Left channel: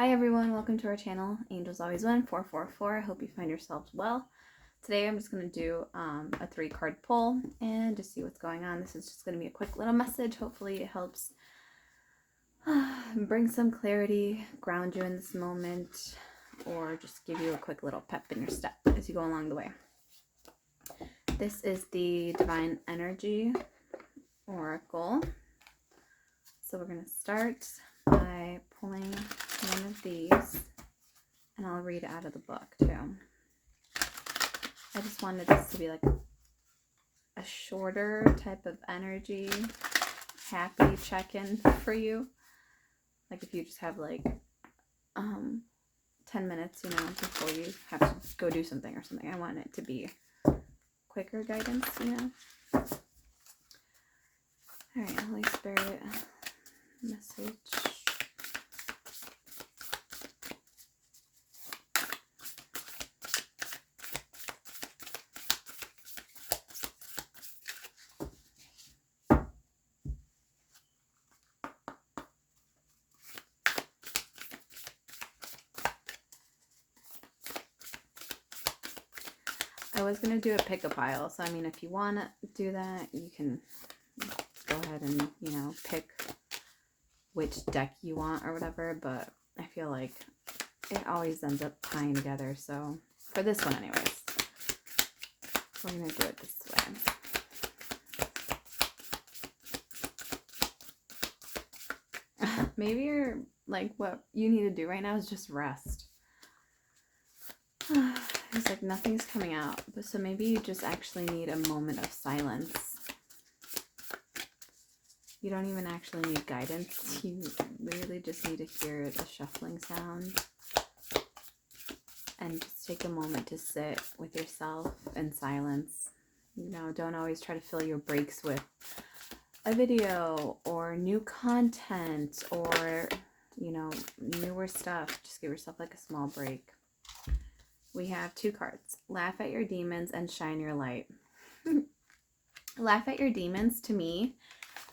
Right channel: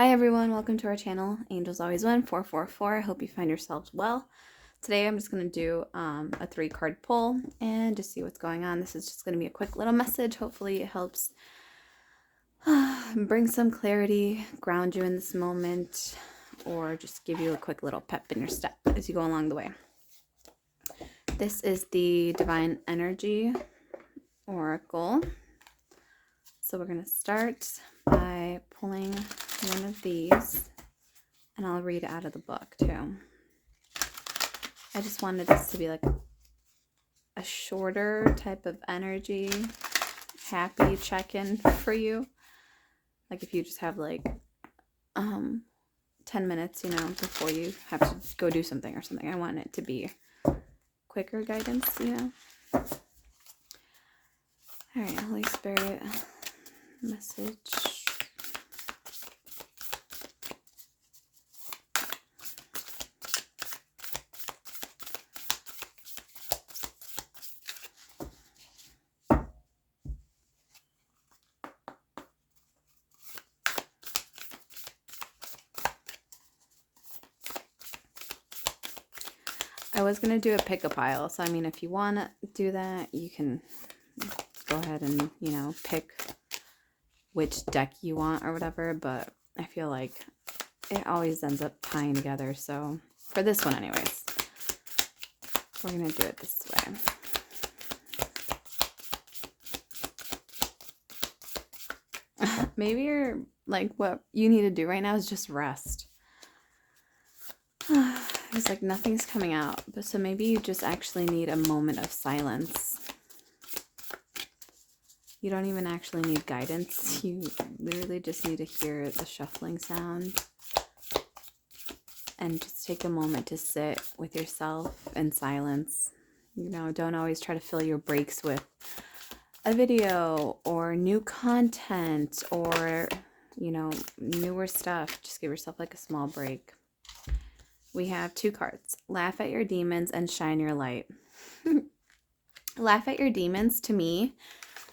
Hi everyone, welcome to our channel, Angels Always Win 444. I hope you find yourselves well. Today I'm just going to do a 3-card pull and just see what's going on. This is just going to be a quick little message. Hopefully it helps bring some clarity, ground you in this moment, or just give you a quick little pep in your step as you go along the way. This is the Divine Energy Oracle. So we're going to start by pulling one of these, and I'll read out of the book too. I just wanted this to be like a shorter type of energy, happy check-in for you. Like if you just have like 10 minutes, before you have to go do something or something. I want it to be quicker guidance, All right, Holy Spirit, message. I was going to do a pick-a-pile, so I mean, if you want to do that, you can go ahead and, pick which deck you want or whatever, but I feel like it always ends up tying together, so for this one anyways, we're going to do it this way. Maybe you're like, what you need to do right now is just rest. It's like nothing's coming out, but so maybe you just actually need a moment of silence. You don't even actually need guidance. You literally just need to hear the shuffling sound and just take a moment to sit with yourself in silence. Don't always try to fill your breaks with a video or new content or, newer stuff. Just give yourself like a small break. We have 2 cards. Laugh at your demons and shine your light. Laugh at your demons, to me,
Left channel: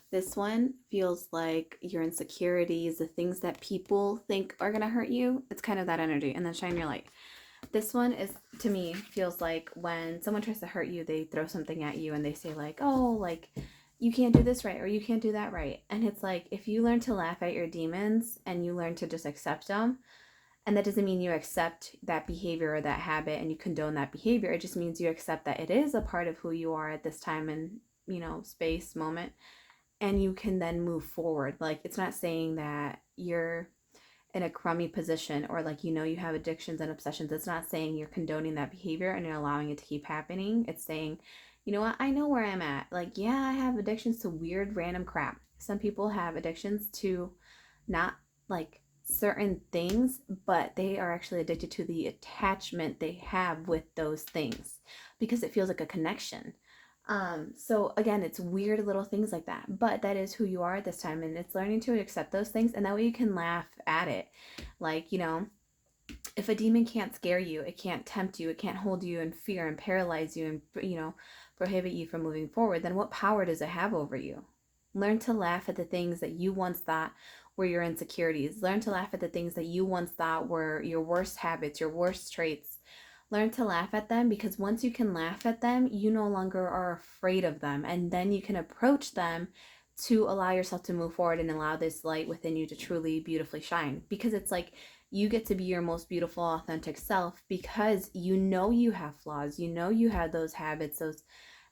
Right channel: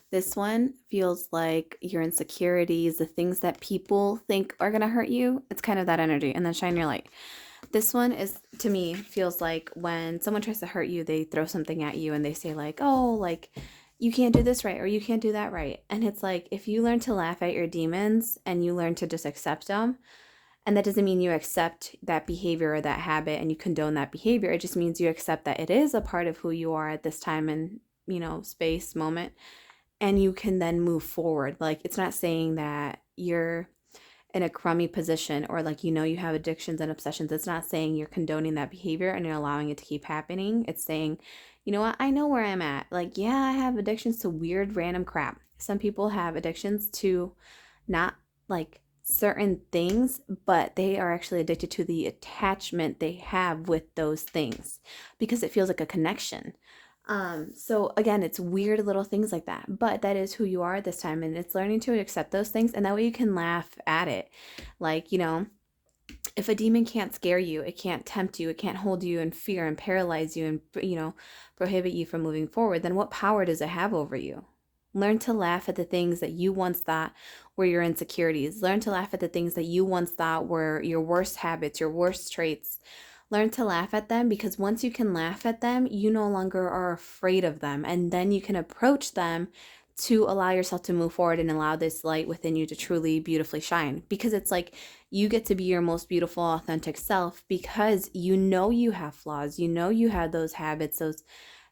this one feels like your insecurities, the things that people think are going to hurt you. It's kind of that energy. And then shine your light. This one is, to me, feels like when someone tries to hurt you, they throw something at you and they say like, oh, like, you can't do this right or you can't do that right. And it's like, if you learn to laugh at your demons and you learn to just accept them, and that doesn't mean you accept that behavior or that habit and you condone that behavior. It just means you accept that it is a part of who you are at this time and, space, moment. And you can then move forward. Like, it's not saying that you're in a crummy position or like, you have addictions and obsessions. It's not saying you're condoning that behavior and you're allowing it to keep happening. It's saying, you know what? I know where I'm at. Like, yeah, I have addictions to weird, random crap. Some people have addictions to not like certain things, but they are actually addicted to the attachment they have with those things because it feels like a connection. So again, it's weird little things like that, but that is who you are at this time, and it's learning to accept those things, and that way you can laugh at it. Like, if a demon can't scare you, it can't tempt you, it can't hold you in fear and paralyze you and, prohibit you from moving forward, then what power does it have over you? Learn to laugh at the things that you once thought were your insecurities. Learn to laugh at the things that you once thought were your worst habits, your worst traits. Learn to laugh at them, because once you can laugh at them, you no longer are afraid of them. And then you can approach them to allow yourself to move forward and allow this light within you to truly beautifully shine. Because it's like you get to be your most beautiful, authentic self because you have flaws. You have those habits,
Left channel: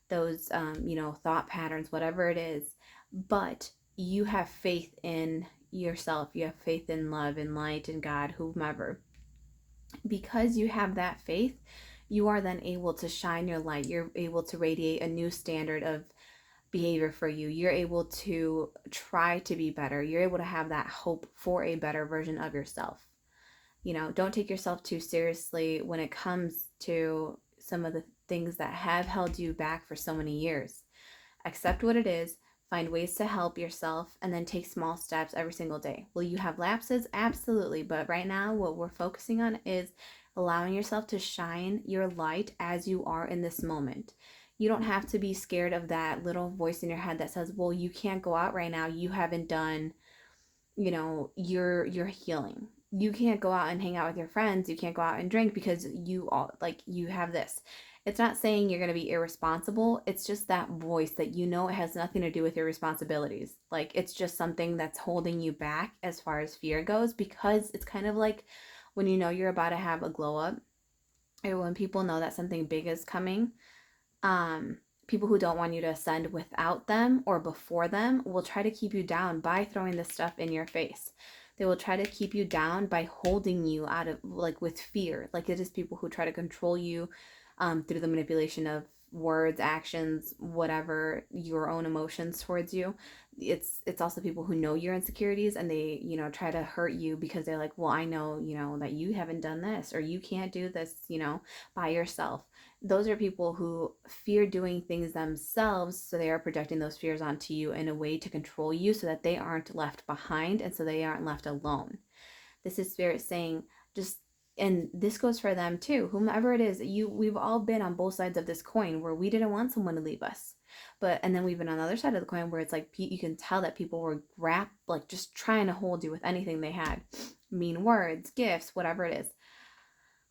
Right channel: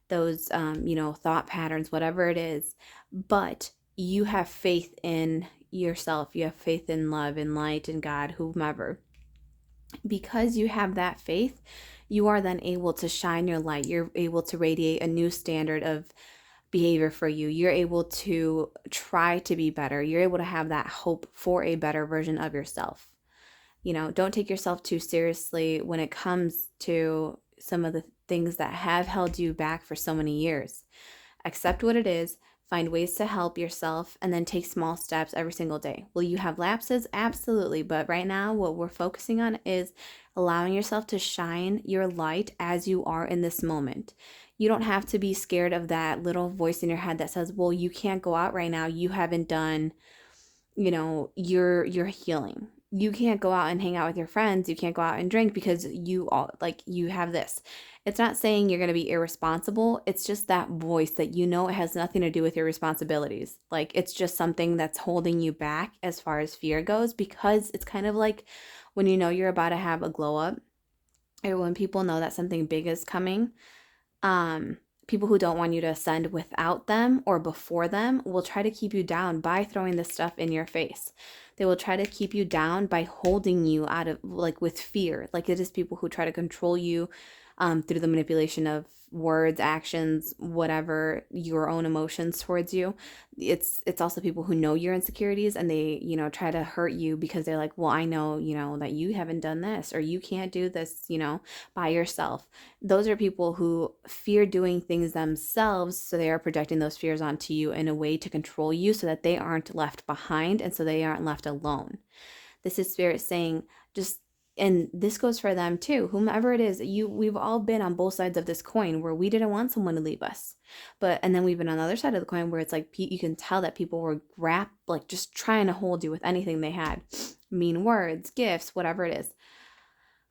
those thought patterns, whatever it is. But you have faith in yourself. You have faith in love and light and God, whomever. Because you have that faith, you are then able to shine your light. You're able to radiate a new standard of behavior for you. You're able to try to be better. You're able to have that hope for a better version of yourself. Don't take yourself too seriously when it comes to some of the things that have held you back for so many years. Accept what it is, find ways to help yourself, and then take small steps every single day. Will you have lapses? Absolutely. But right now, what we're focusing on is allowing yourself to shine your light as you are in this moment. You don't have to be scared of that little voice in your head that says, well, you can't go out right now. You haven't done, your healing. you can't go out and hang out with your friends, you can't go out and drink because you all like you have this. It's not saying you're going to be irresponsible. It's just that voice that you know it has nothing to do with your responsibilities. Like it's just something that's holding you back as far as fear goes, because it's kind of like when you know you're about to have a glow up, or when people know that something big is coming, um, people who don't want you to ascend without them or before them will try to keep you down by throwing this stuff in your face. They will try to keep you down by holding you out of, like, with fear. Like it is people who try to control you through the manipulation of words, actions, whatever, your own emotions towards you. It's also people who know your insecurities, and they, try to hurt you because they're like, well, I know, that you haven't done this, or you can't do this, by yourself. Those are people who fear doing things themselves, so they are projecting those fears onto you in a way to control you so that they aren't left behind and so they aren't left alone. This is spirit saying, just, and this goes for them too, whomever it is, we've all been on both sides of this coin where we didn't want someone to leave us. But and then we've been on the other side of the coin where it's like you can tell that people were like just trying to hold you with anything they had, mean words, gifts, whatever it is.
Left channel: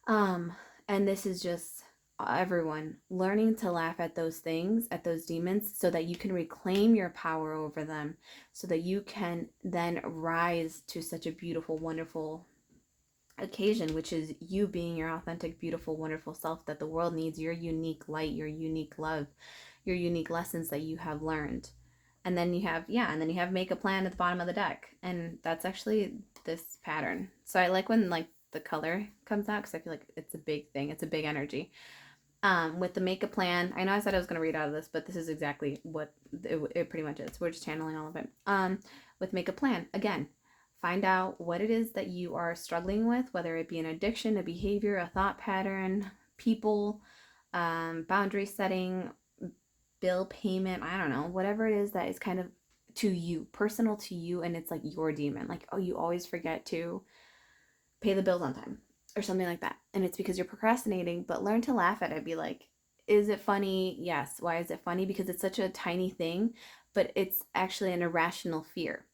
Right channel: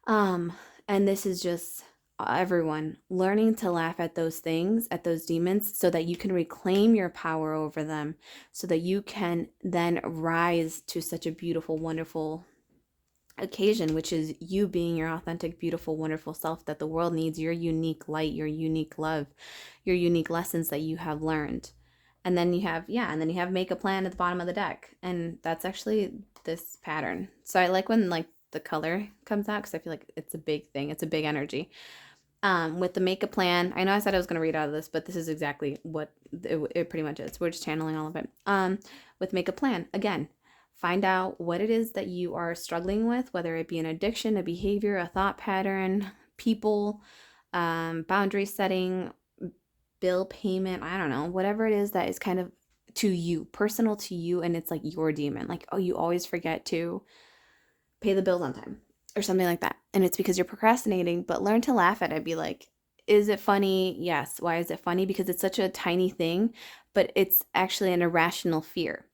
And this is just everyone learning to laugh at those things, at those demons, so that you can reclaim your power over them, so that you can then rise to such a beautiful, wonderful occasion, which is you being your authentic, beautiful, wonderful self that the world needs, your unique light, your unique love, your unique lessons that you have learned. And then you have, yeah, and then you have make a plan at the bottom of the deck. And that's actually this pattern. So I like when like the color comes out because I feel like it's a big thing. It's a big energy. With the make a plan, I know I said I was going to read out of this, but this is exactly what it pretty much is. We're just channeling all of it. With make a plan, again, find out what it is that you are struggling with, whether it be an addiction, a behavior, a thought pattern, people, boundary setting, bill payment, I don't know, whatever it is that is kind of to you, personal to you, and it's like your demon. Like, oh, you always forget to pay the bills on time or something like that. And it's because you're procrastinating, but learn to laugh at it. Be like, is it funny? Yes. Why is it funny? Because it's such a tiny thing, but it's actually an irrational fear.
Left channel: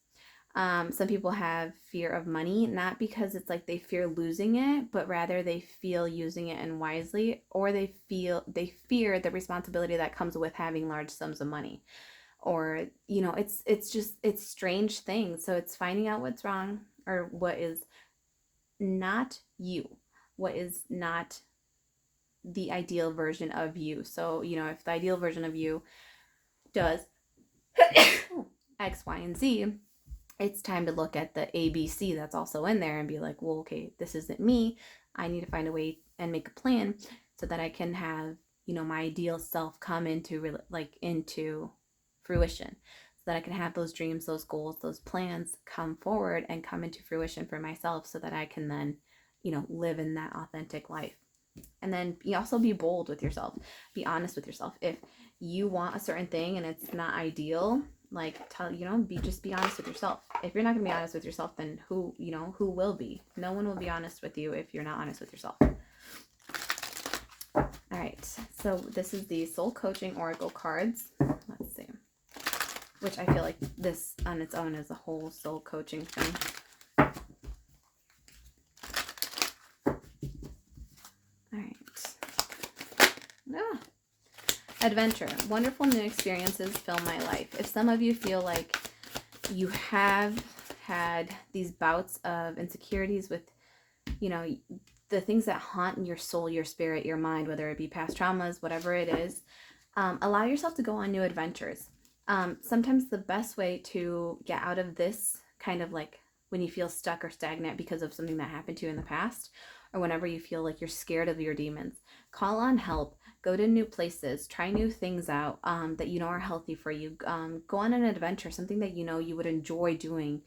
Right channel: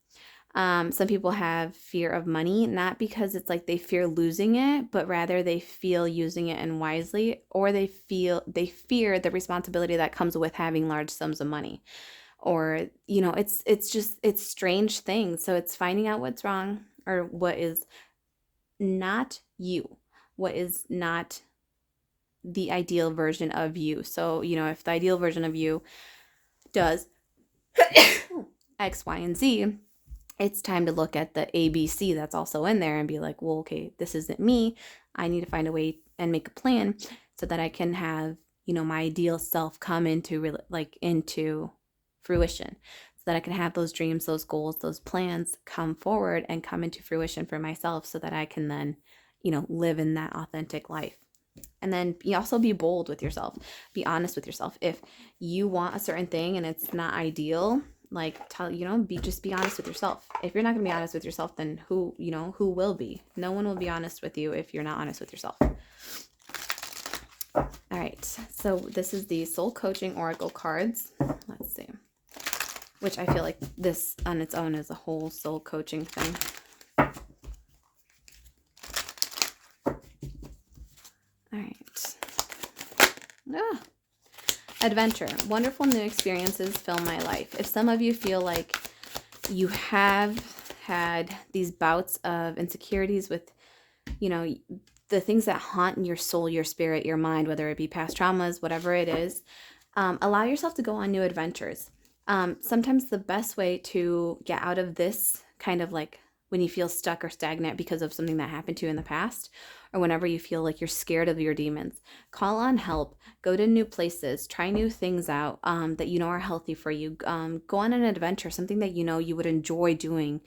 Some people have fear of money, not because it's like they fear losing it, but rather they feel using it unwisely, or they fear the responsibility that comes with having large sums of money. Or, it's strange things. So it's finding out what's wrong, or what is not you, what is not the ideal version of you. So, if the ideal version of you does X, Y, and Z, it's time to look at the ABC that's also in there and be like, well, okay, this isn't me. I need to find a way and make a plan so that I can have, my ideal self come into fruition, so that I can have those dreams, those goals, those plans come forward and come into fruition for myself, so that I can then, live in that authentic life. And then you also be bold with yourself. Be honest with yourself. If you want a certain thing and it's not ideal, like just be honest with yourself. If you're not gonna be honest with yourself, then who will be? No one will be honest with you if you're not honest with yourself. All right, so this is the Soul Coaching Oracle cards. Let's see. Which I feel like this on its own is a whole soul coaching thing. All right. Adventure. Wonderful new experiences fill my life. If some of you feel like you have had these bouts of insecurities with, the things that haunt your soul, your spirit, your mind, whether it be past traumas, whatever it is, allow yourself to go on new adventures. Sometimes the best way to get out of this kind of like when you feel stuck or stagnant because of something that happened to you in the past, or whenever you feel like you're scared of your demons, call on help, go to new places, try new things out that are healthy for you. Go on an adventure, something that you would enjoy doing,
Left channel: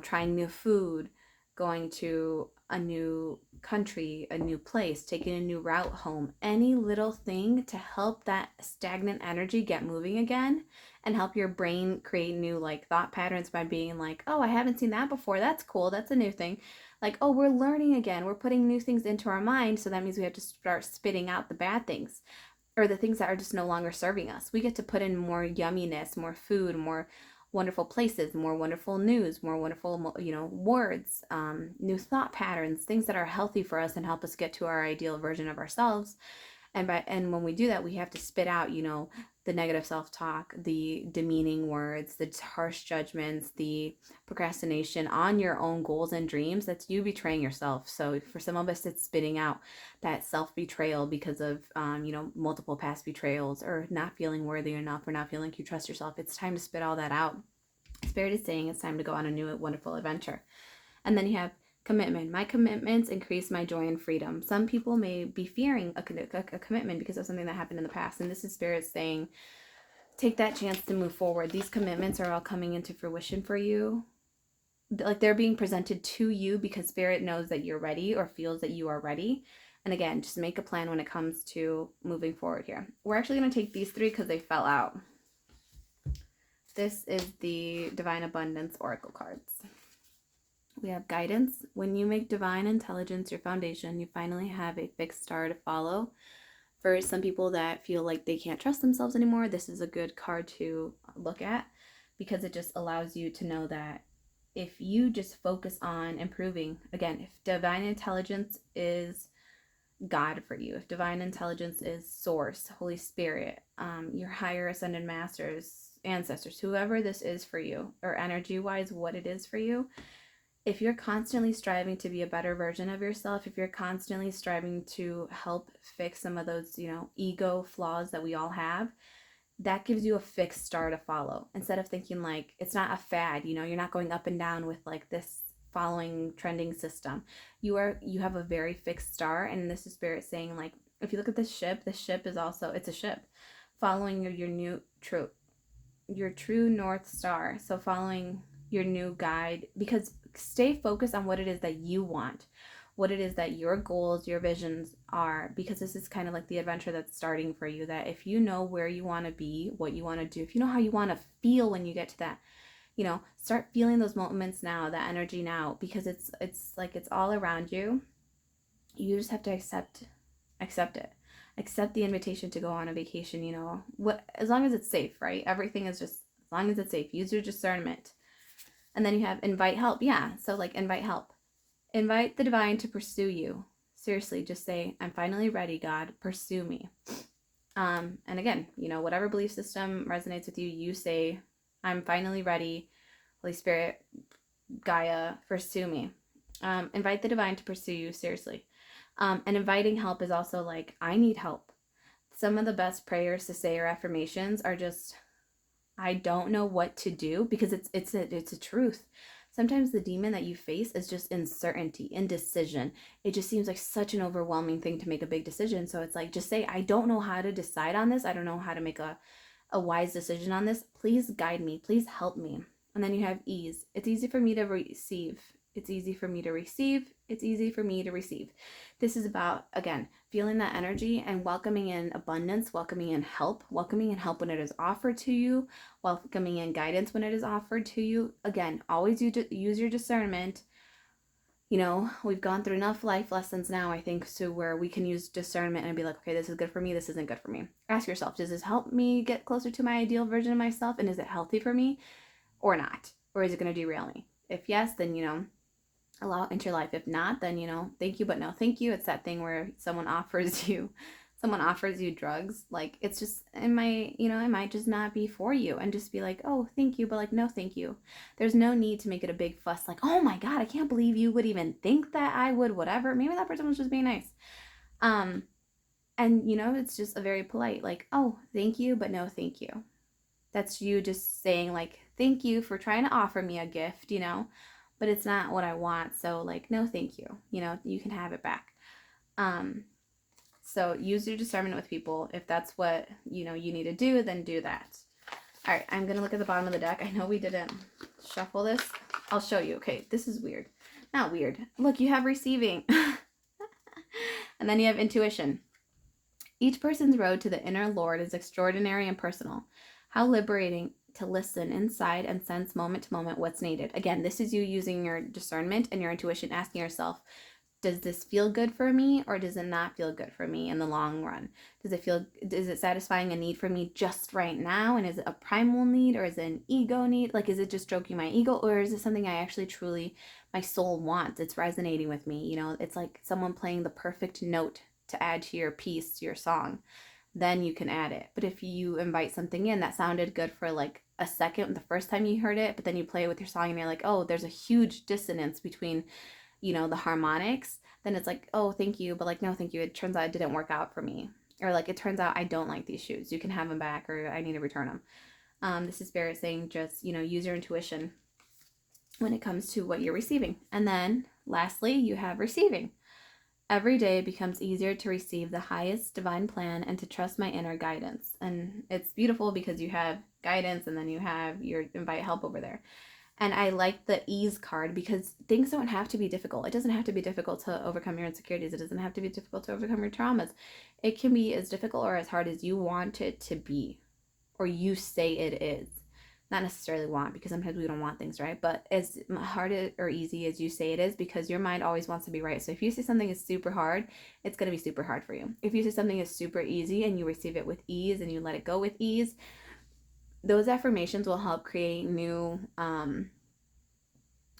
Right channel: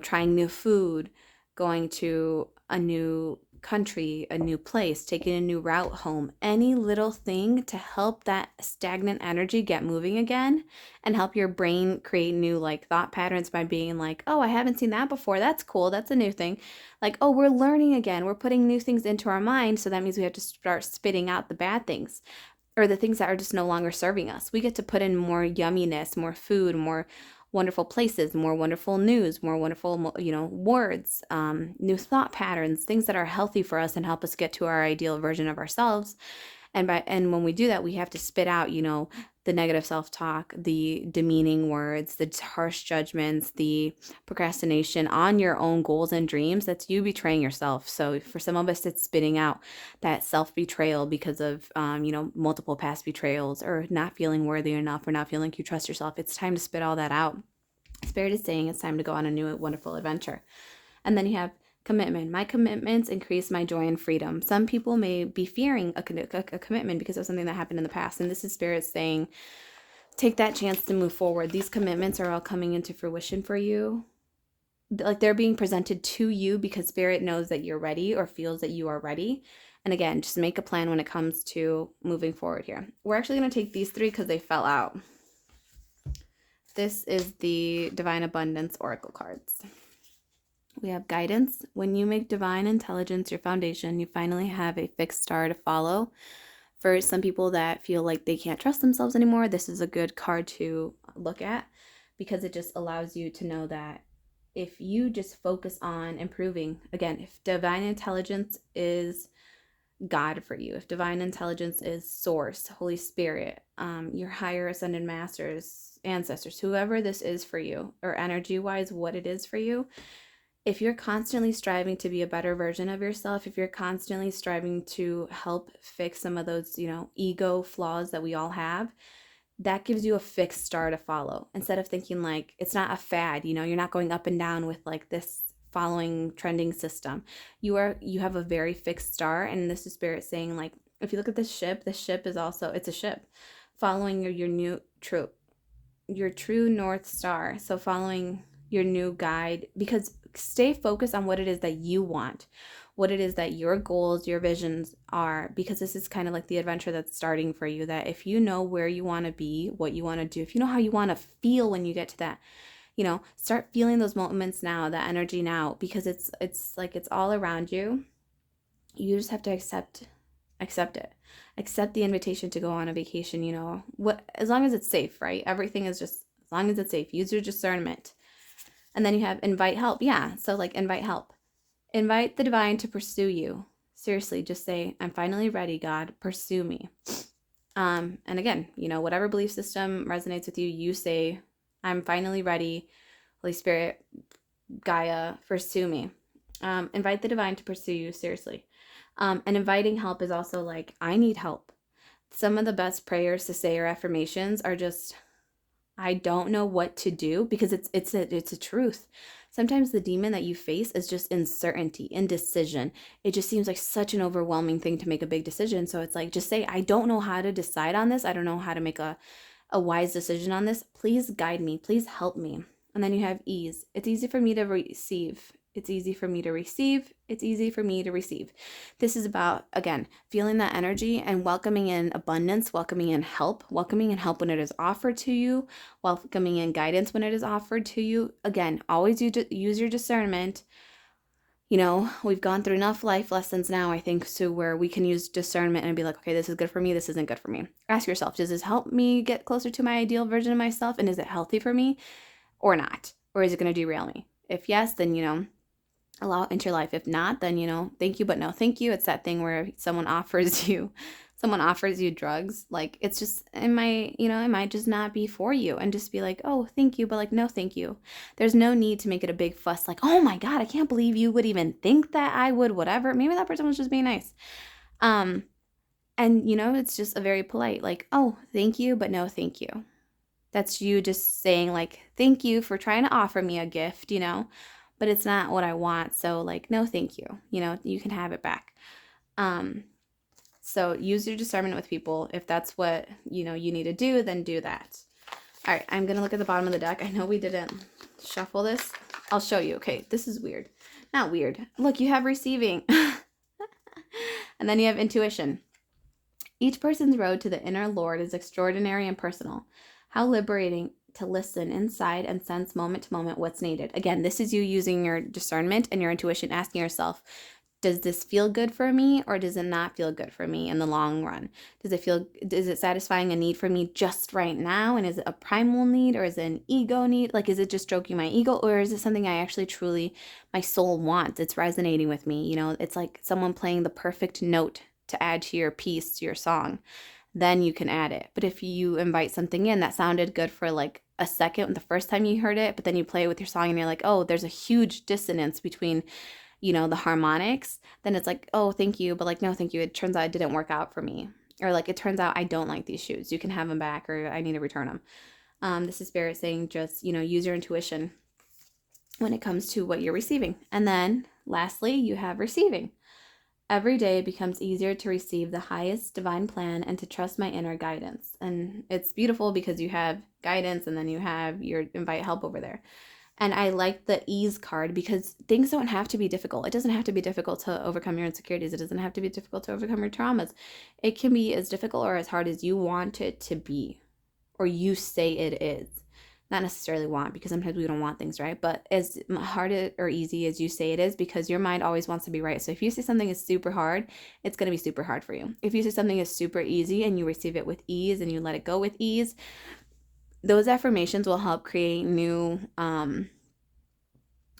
trying new food, going to a new country, a new place, taking a new route home, any little thing to help that stagnant energy get moving again, and help your brain create new like thought patterns by being like, oh, I haven't seen that before. That's cool. That's a new thing. Like, oh, we're learning again. We're putting new things into our mind. So that means we have to start spitting out the bad things, or the things that are just no longer serving us. We get to put in more yumminess, more food, more wonderful places, more wonderful news, more wonderful, words, new thought patterns, things that are healthy for us and help us get to our ideal version of ourselves. And when we do that, we have to spit out, the negative self-talk, the demeaning words, the harsh judgments, the procrastination on your own goals and dreams. That's you betraying yourself. So for some of us, it's spitting out that self-betrayal because of, multiple past betrayals, or not feeling worthy enough, or not feeling like you trust yourself. It's time to spit all that out. Spirit is saying it's time to go on a new, wonderful adventure. And then you have commitment. My commitments increase my joy and freedom. Some people may be fearing a commitment because of something that happened in the past. And this is Spirit saying, take that chance to move forward. These commitments are all coming into fruition for you. Like they're being presented to you because Spirit knows that you're ready, or feels that you are ready. And again, just make a plan when it comes to moving forward here. We're actually going to take these 3 because they fell out. This is the Divine Abundance Oracle cards. We have guidance. When you make divine intelligence your foundation, you finally have a fixed star to follow. For some people that feel like they can't trust themselves anymore, this is a good card to look at, because it just allows you to know that if you just focus on improving, again, if divine intelligence is God for you, if divine intelligence is Source, Holy Spirit, your higher ascended masters, ancestors, whoever this is for you, or energy wise, what it is for you, if you're constantly striving to be a better version of yourself, if you're constantly striving to help fix some of those, ego flaws that we all have, that gives you a fixed star to follow. Instead of thinking like it's not a fad, you're not going up and down with like this following trending system. You have a very fixed star, and this is Spirit saying, like, if you look at the ship is also, it's a ship following your true North Star. So following your new guide, because stay focused on what it is that you want, what it is that your goals, your visions are, because this is kind of like the adventure that's starting for you. That if you know where you want to be, what you want to do, if you know how you want to feel when you get to that, start feeling those moments now, that energy now, because it's like it's all around you. You just have to accept it. Accept the invitation to go on a vacation, as long as it's safe, right? Everything is just, as long as it's safe. Use your discernment. And then you have invite help. Yeah, so like invite help. Invite the divine to pursue you. Seriously, just say, I'm finally ready, God, pursue me. And again, whatever belief system resonates with you, you say, I'm finally ready, Holy Spirit, Gaia, pursue me. Invite the divine to pursue you, seriously. And inviting help is also like, I need help. Some of the best prayers to say or affirmations are just, I don't know what to do, because it's a truth. Sometimes the demon that you face is just uncertainty, indecision. It just seems like such an overwhelming thing to make a big decision. So it's like, just say, I don't know how to decide on this. I don't know how to make a wise decision on this. Please guide me. Please help me. And then you have ease. It's easy for me to receive. It's easy for me to receive. It's easy for me to receive. This is about, again, feeling that energy and welcoming in abundance, welcoming in help when it is offered to you, welcoming in guidance when it is offered to you. Again, always use your discernment. We've gone through enough life lessons now, I think, to where we can use discernment and be like, okay, this is good for me. This isn't good for me. Ask yourself, does this help me get closer to my ideal version of myself? And is it healthy for me or not? Or is it going to derail me? If yes, then, allow it into your life. If not, then, thank you, but no thank you. It's that thing where someone offers you drugs. Like, it's just, it might just not be for you, and just be like, oh, thank you, but like, no thank you. There's no need to make it a big fuss, like, oh my God, I can't believe you would even think that I would, whatever. Maybe that person was just being nice. And it's just a very polite, like, oh, thank you, but no thank you. That's you just saying, like, thank you for trying to offer me a gift, but it's not what I want. So like, no, thank you. You can have it back. So use your discernment with people. If that's what, you need to do, then do that. All right. I'm going to look at the bottom of the deck. I know we didn't shuffle this. I'll show you. Okay. This is weird. Not weird. Look, you have receiving. And then you have intuition. Each person's road to the inner Lord is extraordinary and personal. How liberating to listen inside and sense moment to moment what's needed. Again, this is you using your discernment and your intuition, asking yourself, does this feel good for me, or does it not feel good for me in the long run? Is it satisfying a need for me just right now? And is it a primal need, or is it an ego need? Like, is it just stroking my ego, or is it something I actually truly, my soul wants? It's resonating with me. You know, it's like someone playing the perfect note to add to your piece, to your song. Then you can add it. But if you invite something in that sounded good for like a second the first time you heard it, but then you play it with your song and you're like, oh, there's a huge dissonance between, you know, the harmonics, then it's like, oh, thank you, but like, no, thank you. It turns out it didn't work out for me. Or like, it turns out I don't like these shoes. You can have them back, or I need to return them. This is Spirit saying just, you know, use your intuition when it comes to what you're receiving. And then lastly, you have receiving. Every day it becomes easier to receive the highest divine plan and to trust my inner guidance. And it's beautiful because you have guidance and then you have your invite help over there. And I like the ease card because things don't have to be difficult. It doesn't have to be difficult to overcome your insecurities. It doesn't have to be difficult to overcome your traumas. It can be as difficult or as hard as you want it to be, or you say it is. Not necessarily want, because sometimes we don't want things, right? But as hard or easy as you say it is, because your mind always wants to be right. So if you say something is super hard, it's going to be super hard for you. If you say something is super easy and you receive it with ease and you let it go with ease, those affirmations will help create new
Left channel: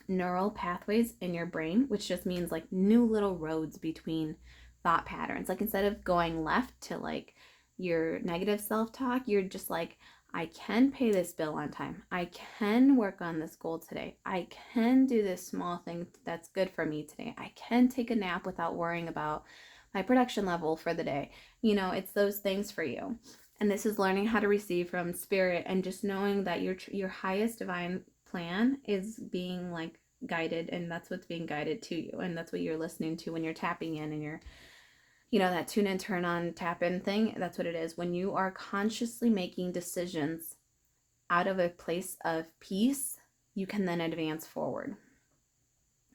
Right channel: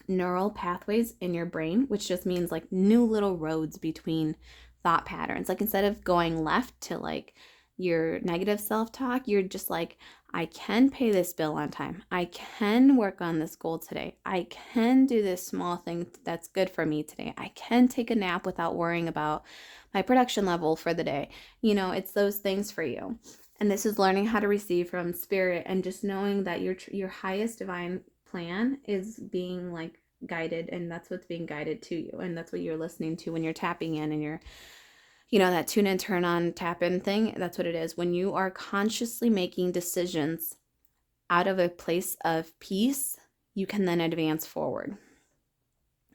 neural pathways in your brain, which just means like new little roads between thought patterns. Like instead of going left to like your negative self-talk, you're just like, I can pay this bill on time. I can work on this goal today. I can do this small thing that's good for me today. I can take a nap without worrying about my production level for the day. You know, it's those things for you. And this is learning how to receive from spirit and just knowing that your highest divine plan is being like guided, and that's what's being guided to you, and that's what you're listening to when you're tapping in and you're, you know, that tune in, turn on, tap in thing. That's what it is. When you are consciously making decisions out of a place of peace, you can then advance forward.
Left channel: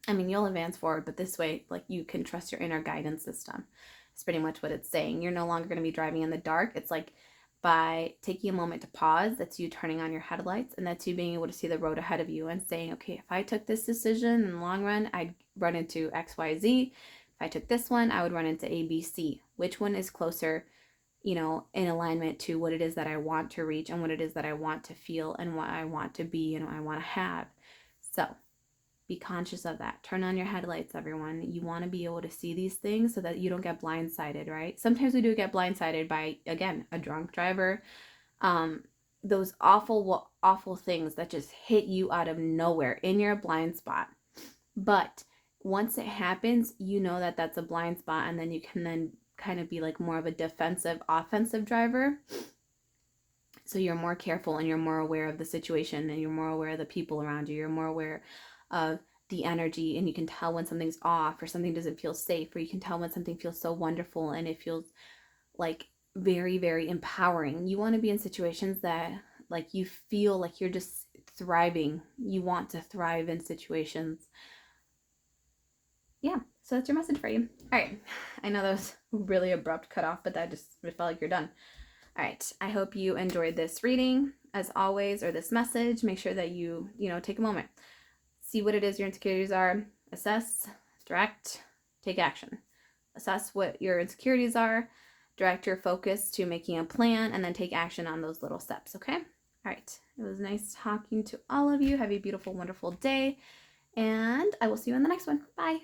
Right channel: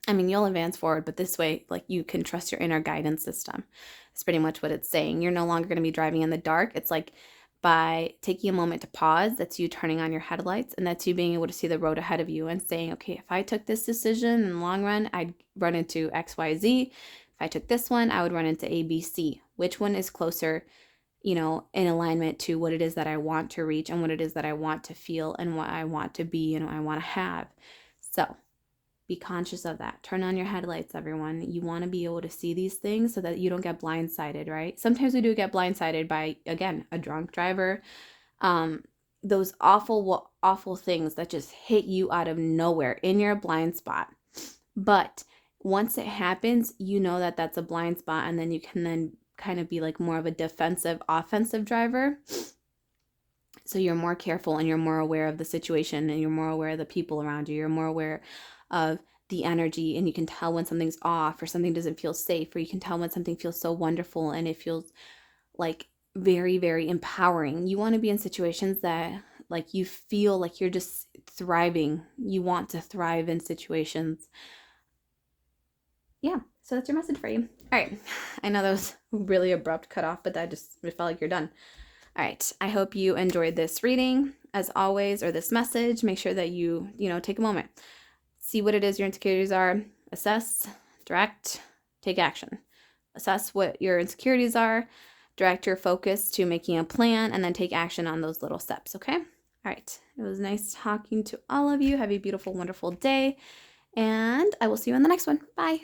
I mean, you'll advance forward, but this way, like, you can trust your inner guidance system. It's pretty much what it's saying. You're no longer going to be driving in the dark. It's like by taking a moment to pause, that's you turning on your headlights, and that's you being able to see the road ahead of you and saying, okay, if I took this decision in the long run, I'd run into XYZ. If I took this one, I would run into ABC. Which one is closer, you know, in alignment to what it is that I want to reach and what it is that I want to feel and what I want to be and I want to have. So be conscious of that. Turn on your headlights, everyone. You want to be able to see these things so that you don't get blindsided, right? Sometimes we do get blindsided by, again, a drunk driver. Those awful things that just hit you out of nowhere in your blind spot. But once it happens, you know that that's a blind spot, and then you can then kind of be like more of a defensive, offensive driver. So you're more careful and you're more aware of the situation and you're more aware of the people around you. You're more aware of the energy, and you can tell when something's off or something doesn't feel safe, or you can tell when something feels so wonderful and it feels like very, very empowering. You want to be in situations that like you feel like you're just thriving. You want to thrive in situations. Yeah, so that's your message for you. All right, I know that was really abrupt cut off, but that just it felt like you're done. All right, I hope you enjoyed this reading. As always, or this message, make sure that you take a moment. See what it is your insecurities are. Assess, direct, take action. Assess what your insecurities are. Direct your focus to making a plan, and then take action on those little steps, okay? All right, it was nice talking to all of you. Have a beautiful, wonderful day, and I will see you in the next one. Bye.